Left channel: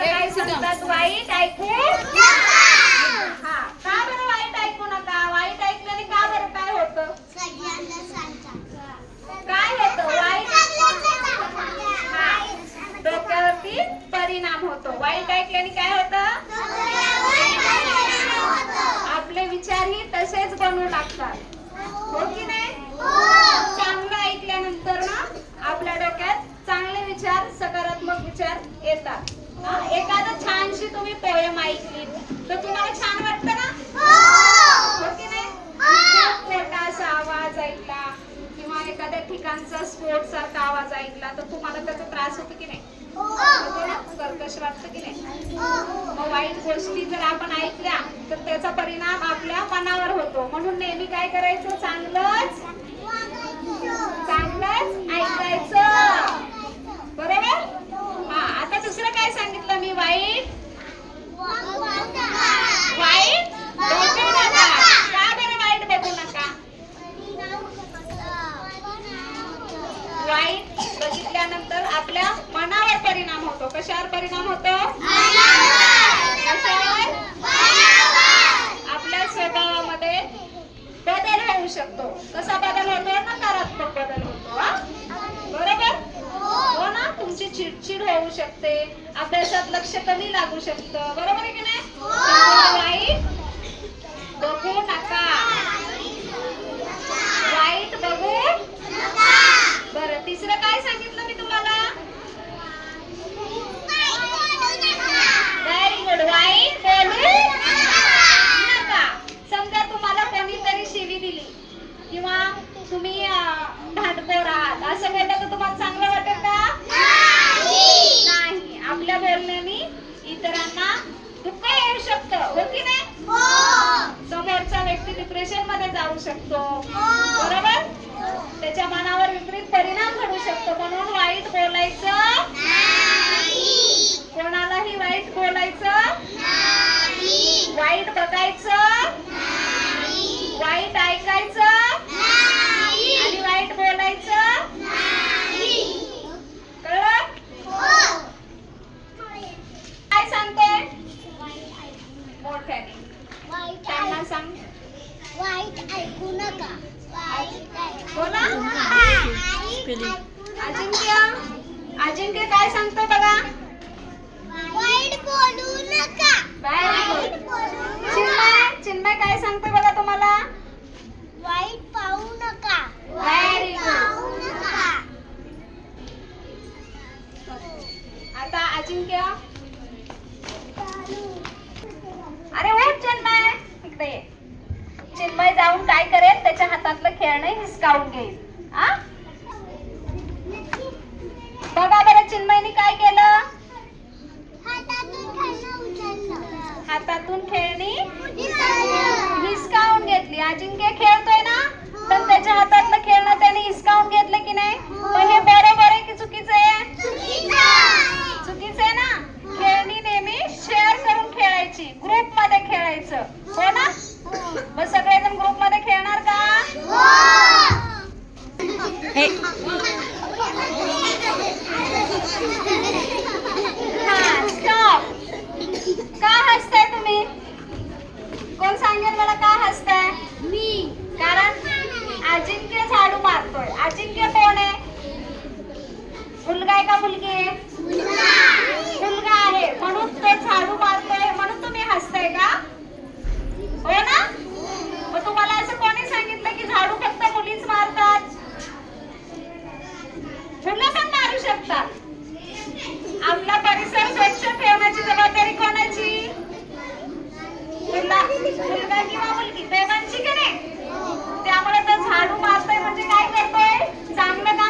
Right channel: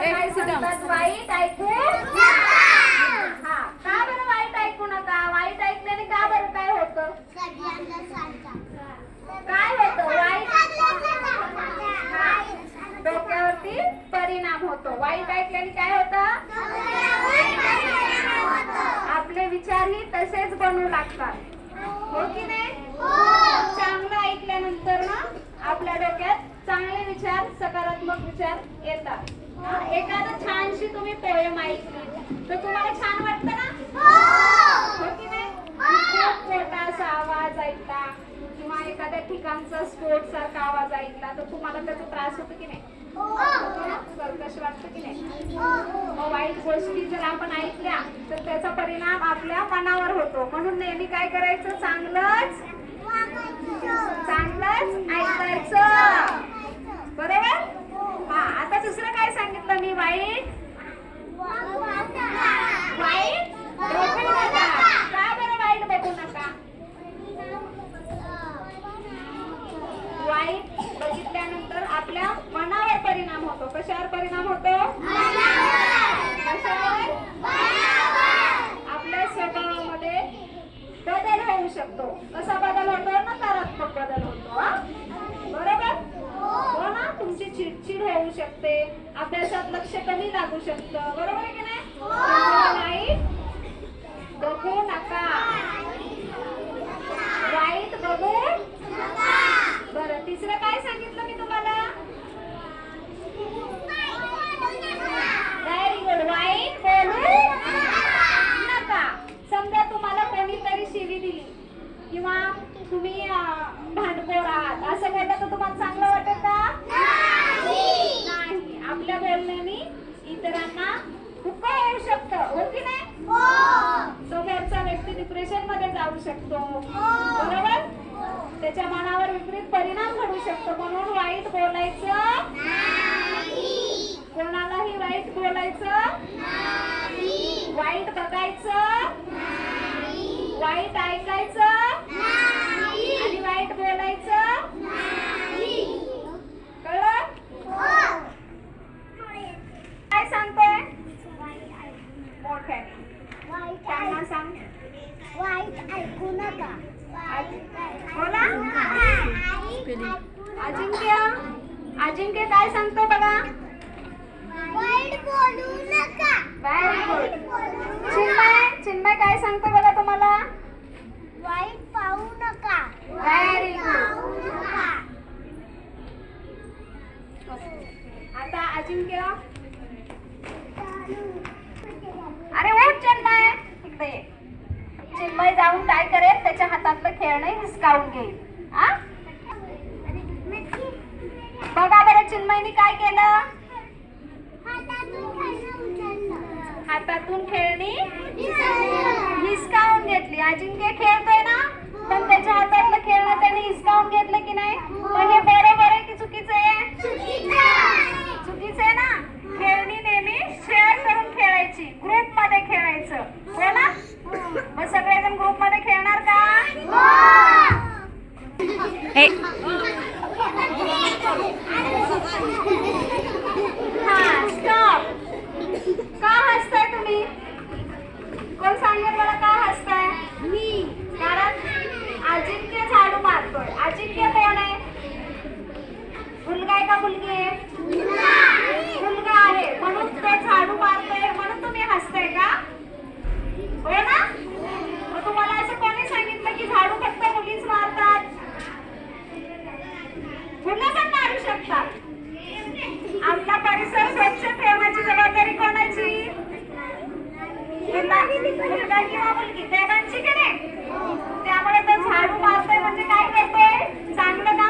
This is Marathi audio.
काय सांगतात? वाईट ऐकू नका. हा, का बरं वाईट ऐकू नका? वाईट ऐकल्याने का बरं काय होतं? काय होतं? वाईट डोक्यावरती परिणाम होतो. वाईट ऐकल्याने काय होतं? आपले विचारही तसेच बनू लागतात. हो की नाही? चांगलं ऐकल्यानंतर ना आपल्या डोक्यात चांगले विचार, सकारात्मक विचार येतात. एखादं छानशी तुम्ही पोयम ऐकली तर तुम्हाला छान वाटतं ना? हो की नाही? खूप मोठा असा आवाज ऐकला किंवा एखाद्या ठिकाणचा स्फोट सारखा आवाज ऐकला तर तुम्हाला त्याचा त्रास होतो की नाही? कर्कश वाटतं की नाही? मग वाईट गोष्टी जर आपण ऐकल्या तर त्याचा परिणाम आपल्या मनावर होतो. म्हणून नेहमी काय करायचं? चांगलंच ऐकायचं. बरोबर? हा, आता दुसरं काय सांगितलं मी? वाईट बघू नका. का बरं वाईट बघू नका? वाईट बघितल्यानंतर आपल्या मनावर परिणाम होतो. कशावर परिणाम होतो? कशावर? आपल्या स्वभावामध्ये बदल होऊ शकतो. कसा बदल होतो? नकारात्मक बदल होतो. बरोबर? हो ना? तुमची चिडचिड होऊ शकते, अभ्यासात लक्ष कमी लागू शकतं. बरोबर आहे की नाही? वाईट बघू नका. वाईट बघू. बरं, तिसरं काय सांगितलं मी तुम्हाला? Very good. वाईट बोलू नका. समजा तुम्हाला कोणीतरी शिवी दिली किंवा तुम्ही भांडखोर आहात असं बोललं तर तुम्हाला चांगलं वाटेल का? नाही. आपल्या बोलण्याने इतरांना दुःख होऊ शकतं. हो की नाही? समोरचा व्यक्ती डिप्रेशन मध्ये जाऊ शकतो. बरोबर? त्याच्या मनावर विपरीत परिणाम घडू शकतो. म्हणून वाईट बोलायचं नाही. कोणालाही वाईट बोलायचं नाही. वाईट बघायचं नाही. वाईट ऐकायचं नाही. आणि वाईट बोलायचं नाही. कळलं? काय सांगतोय? मोठ्याने त्यांना सांग. वाईट ऐकू नका. बोला. अजिंक्य काय सांगतो बघा? वाईट बोलू नका. Very good. चिन्मय काय सांगतो बघा तुम्हाला? वाईट पाहू नका. Very good. आता अजिंक्य. अरे उठ चिन्मय, इकडे ये. चिन्मय जाऊन काय करेल? त्याच्या हातातलं खेळणं हिसकावून घेईल. बघा बरं, चिन्मयनी काय केलं? हातातून खेळणी हिसकावून घेतली. अजिंक्य खेळतोय ना, पण त्याच्या हातातलं खेळणं त्याने हिसकावून घेतलं की नाही? पण हे बरोबर आहे की चुकीचं आहे? चुकीचं आहे ना. खेळणी नेहमी शेअर करून खेळायची, ग्रुप मध्ये खेळायचं. हो ना? मग सगळेजण ग्रुप मध्ये खेळणार का? स्टॉप. का हसताय तुम्ही? कोण सांगेल मला का हसताय? मी. कारण अजिंक्य झाडू मारतोय. अजिंक्य कोण आहे? मुलगा आहे का मुलगी आहे? मुलगा आहे. म्हणून तो झाडू मारतोय. म्हणून तुम्ही हसताय का? हो ना? मग तुम्हाला असं कोणी सांगितलं की झाडू फक्त मुलीच मारतात? मुलं पण मारू शकतात. आपला परिसर स्वच्छ ठेवण्याची जबाबदारी कोणाची? मुलगा किंवा मुलगी, दोघांची की नाही? त्यामुळे तो झाडू मारतोय म्हणजे काय करतोय? चांगलं काम